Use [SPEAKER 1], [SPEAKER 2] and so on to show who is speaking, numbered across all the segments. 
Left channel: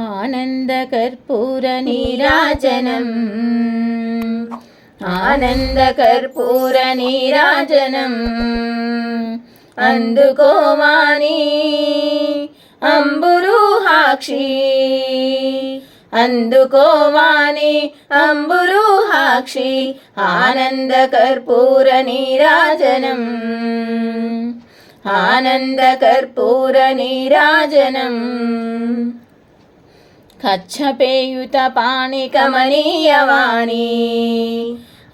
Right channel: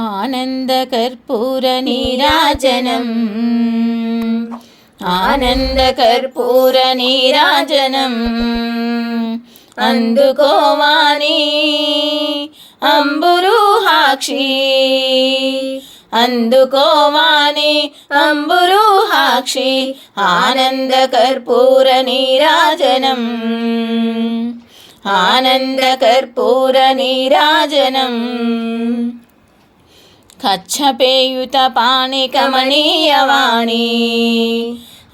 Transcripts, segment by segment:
[SPEAKER 1] आनन्दकर्पूरनीराजनम् आनन्दकर्पूरनीराजनम् అందుకోవాని అంబురుహాక్షి అందుకోవాని అంబురుహాక్షి ఆనందకర్పూర నీరాజనం ఆనందకర్పూర నీరాజనం కచ్చపేయుత పాణికమనీయవాణి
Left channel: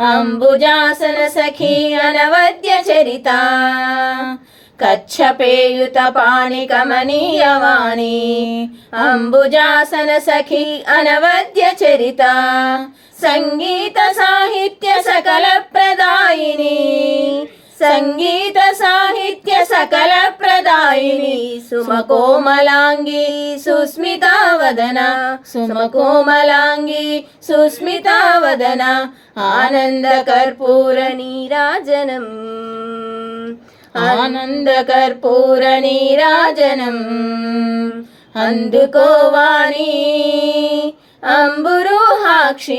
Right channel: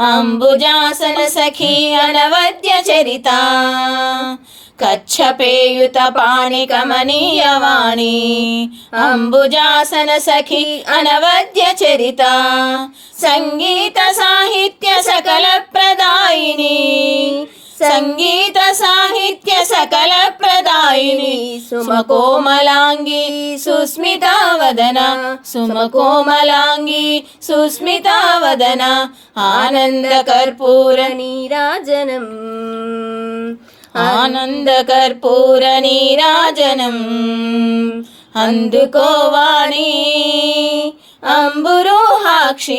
[SPEAKER 1] అంబుజాసన సఖీ అనవద్య చరిత. కచ్చపేయుత పాణికమనీయవాణి అంబుజాసన సఖీ అనవద్య చరిత. సంగీత సాహిత్య సకల ప్రదాయిని. సంగీత సాహిత్య సకల ప్రదాయిని సుమకోమలాంగి సుస్మితావదన సుమకోమలాంగి సుస్మితావదన ఆనంద కర్పూర
[SPEAKER 2] నీరాజనం.
[SPEAKER 1] ఆనంద కర్పూర నీరాజనం. అందుకోవాణి అంబురోహాక్షి.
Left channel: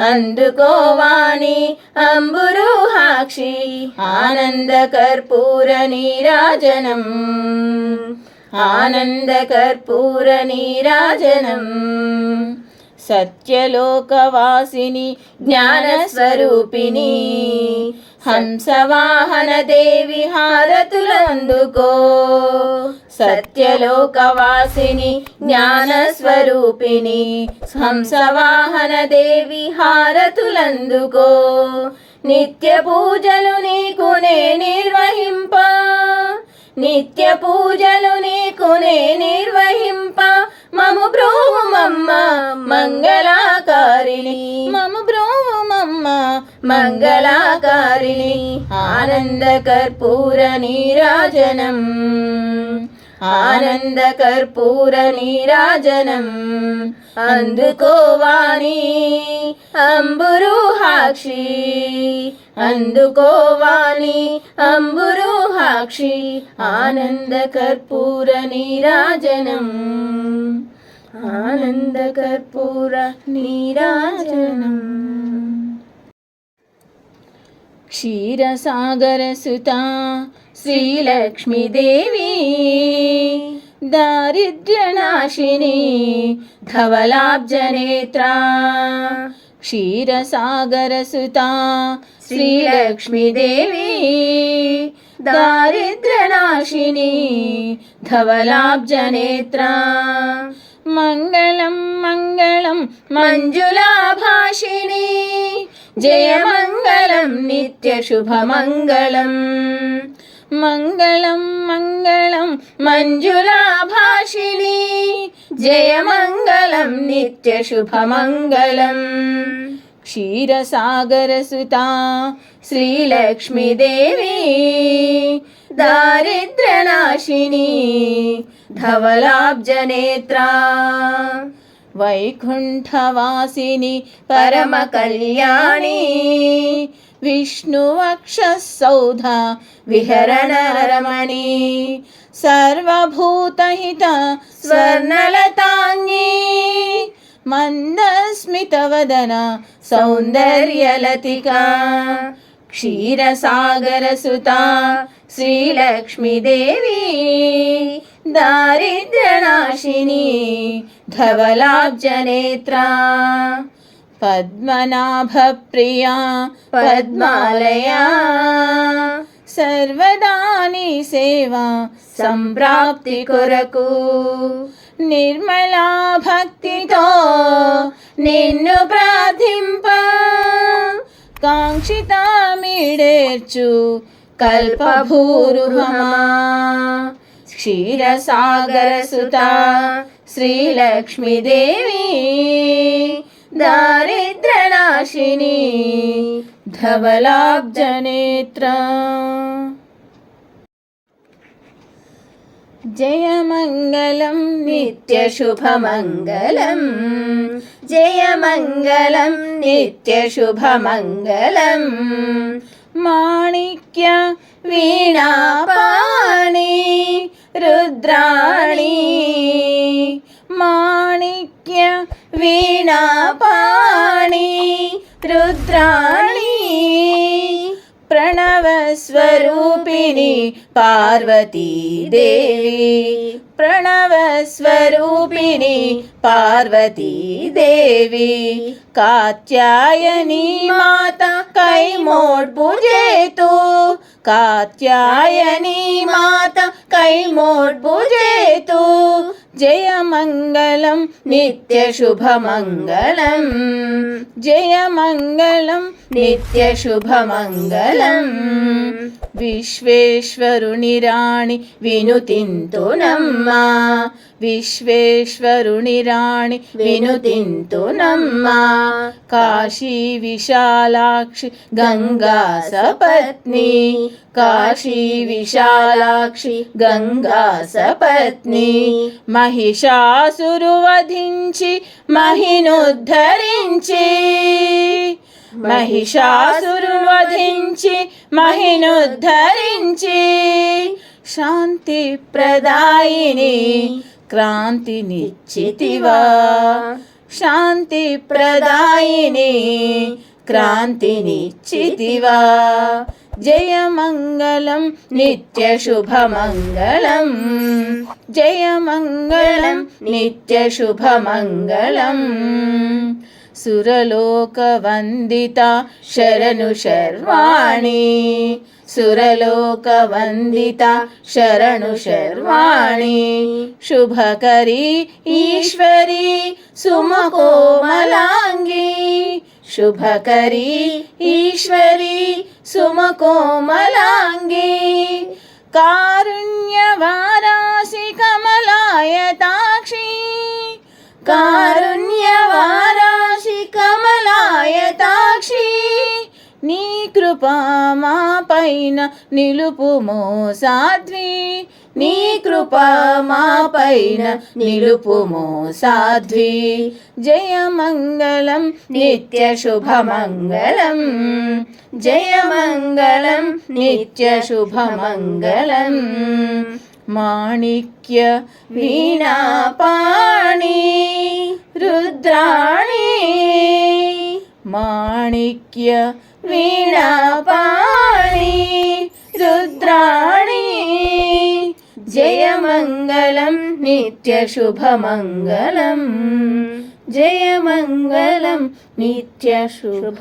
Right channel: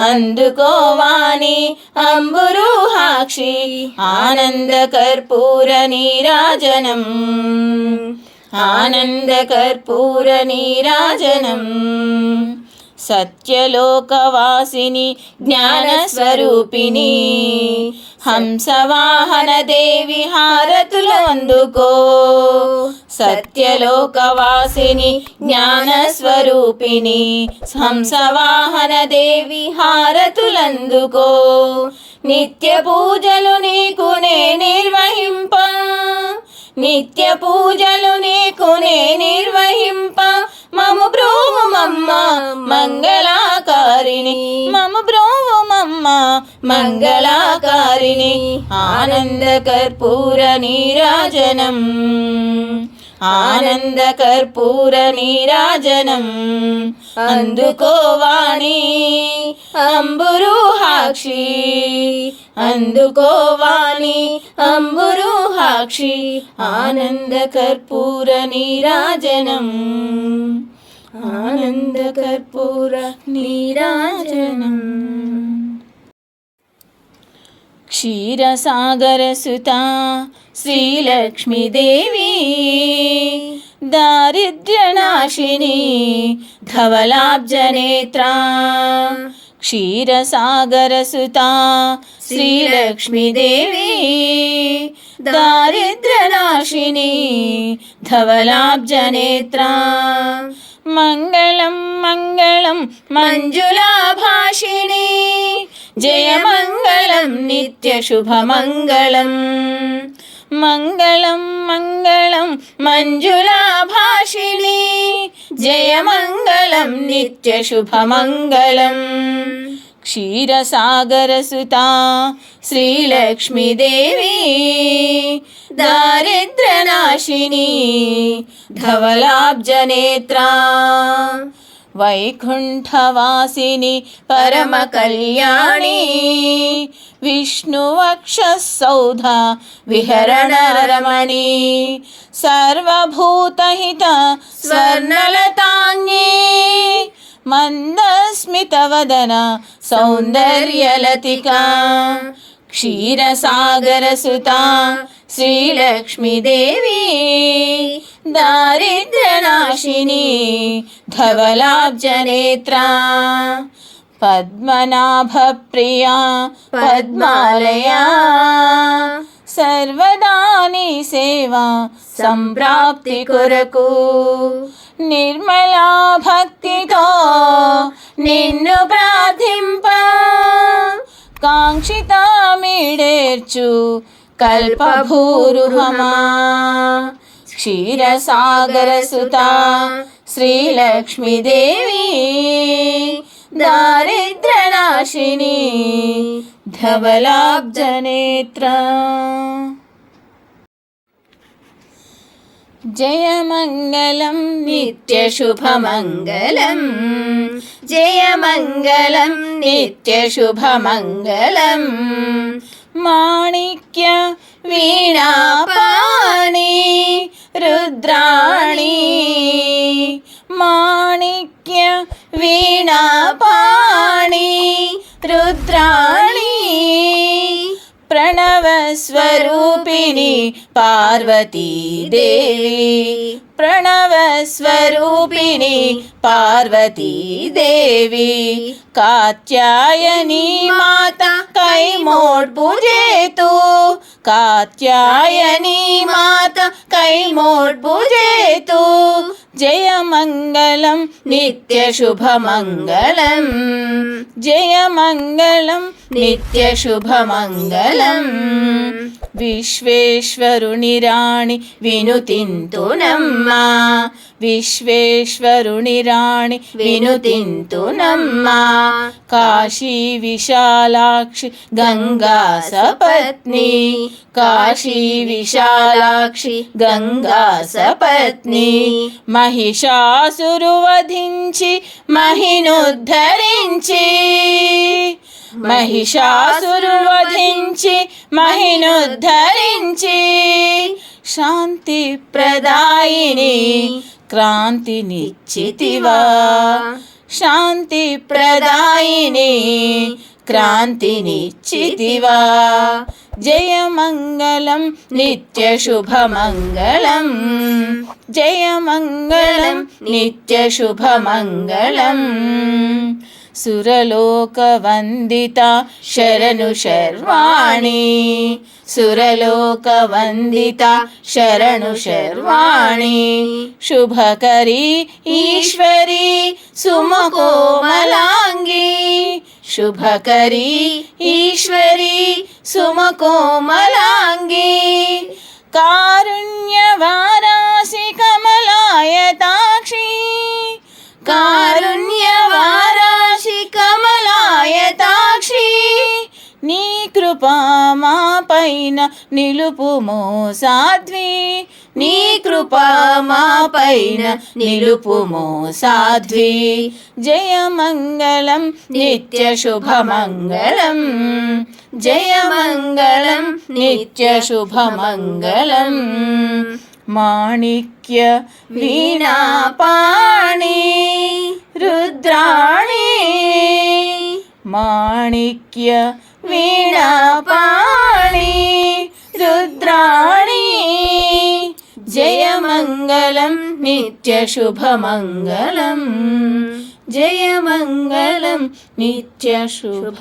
[SPEAKER 1] అందుకోవాని అంబురుహాక్షి ఆనంద కర్పూర నీరాజనం. ఆనంద కర్పూర నీరాజనం. సత్యలోకవాసిని జ్ఞానస్వరూపిణి. హంసవాహన దేవి హారతులు అందుకో సత్యలోకవాసిని జ్ఞానస్వరూపిణి హంసవాహన దేవి హారతులందుకో. నిత్య పూజలు నీకు నే నిర్వహింప. నిత్య పూజలు నీకు నే నిర్వహి మంగళాకారిణి ఆనంద కర్పూర నీరాజనం. ఆనంద కర్పూర నీరాజనం అందుకోవాణి అంబురుహాక్షి అందుకోవాణి అంబురుహాక్షి ఆనంద కర్పూర నీరాజనం. ఆనంద కర్పూర నీరాజనం. క్షీరసాగరసుత శ్రీలక్ష్మీదేవి దారిద్ర్యనాశిని ధవలాబ్జనేత్ర క్షీరసాగరసుత శ్రీలక్ష్మీదేవి దారిద్ర్యనాశిని ధవలాబ్జనేత్ర మంగళం మంగళం మంజులాభాషిణి జయమ नित्यशुभ नित्यशुभमङ्गलम्। मङ्गलं मङ्गलं मञ्जुलाभाषिणी। जय मङ्गलम् नित्यशुभ क्षीरसागरसुता श्रीलक्ष्मीदेवी। दारिद्र्यनाशिनी धवलाब्जनेत्रा। దారిద్ర్యనాశిని ధవలాబ్జనేత్రా వైకుంఠవాసిని పరమ కళ్యాణి విష్ణువక్షసౌధ విహరణరమణి సర్వభూతహిత స్వర్ణలతాంగి. మందస్మితవదన సౌందర్యలతికా క్షీరసాగరసుత శ్రీలక్ష్మీదేవి దారిద్ర్యనాశిని ధవలాబ్జనేత్ర. పద్మనాభప్రియా పద్మాలయా. సర్వదాని సేవా సంప్రాప్తి కొరకు. నిర్మలా భక్తితో నిన్ను ప్రార్థింప. కాంక్షితామిడేర్చు కల్పభూరుహమా. क्षीरसागरसुता श्रीलक्ष्मीदेवी दारिद्रनाशिनी धवलाब्जनेत्रा। जयमङ्गलं नित्यशुभमङ्गलम् जयमङ्गलं नित्यशुभमङ्गलम्। माणिक्य वीणावाणी రుద్రాణి మాణిక్య వీణాపాణి రుద్రాణి ప్రణవస్వరూపిణి పార్వతీదేవి ప్రణవస్వరూపిణి పార్వతీదేవి కాత్యాయని మాత కైమోడ్బుజేతు జేతు కాత్యాయని మాత కైమోడ్పు జేతు జయమంగళం నిత్యశుభమంగళం జయమంగళం నిత్యశుభమంగళం విశ్వేశ్వరుని రాణి వినుతింతునమ్మా విశ్వేశ్వరుని రాణి వినుతింతునమ్మా కాశీ విశాలాక్షి గంగా సపత్ని. కాశీ విశాలాక్షి గంగా సపత్ని. మహిషాసురు వధించి మహినుద్ధరించి. మహిషాసురు వధించి మహినుద్ధరించి. శాంతి ప్రదాయిని క్రాంతినిచ్చితివా శాంతి ప్రదాయిని క్రాంతినిచ్చితివా जयमङ्गलं नित्यशुभमङ्गलम्. जयमङ्गलं नित्यशुभमङ्गलम्. सुरलोकवन्दिता शरणु शर्वाणि. सुरलोकवन्दिता शरणु शर्वाणि. शुभकरी ईश्वरी सुमकोमला. శుభకరి ఈశ్వరి సుమకోమలాంగి కారుణ్యవారాసి కమలాయతాక్షి కారుణ్యవారాశి కమలాయతాక్షి నీ కృపా మా పైన నిలుపుమో సాధ్వి నీ కృపా మా పైన నిలుపుమో సాధ్వి జయమంగళం నిత్య శుభమంగళం జయమంగళం నిత్య శుభమంగళం మాణిక్య వీణాపాణి రుద్రాణి మాణిక్య వీణాపాణి నిత్యశుభమంగళం జయమంగళం నిత్యశుభమంగళం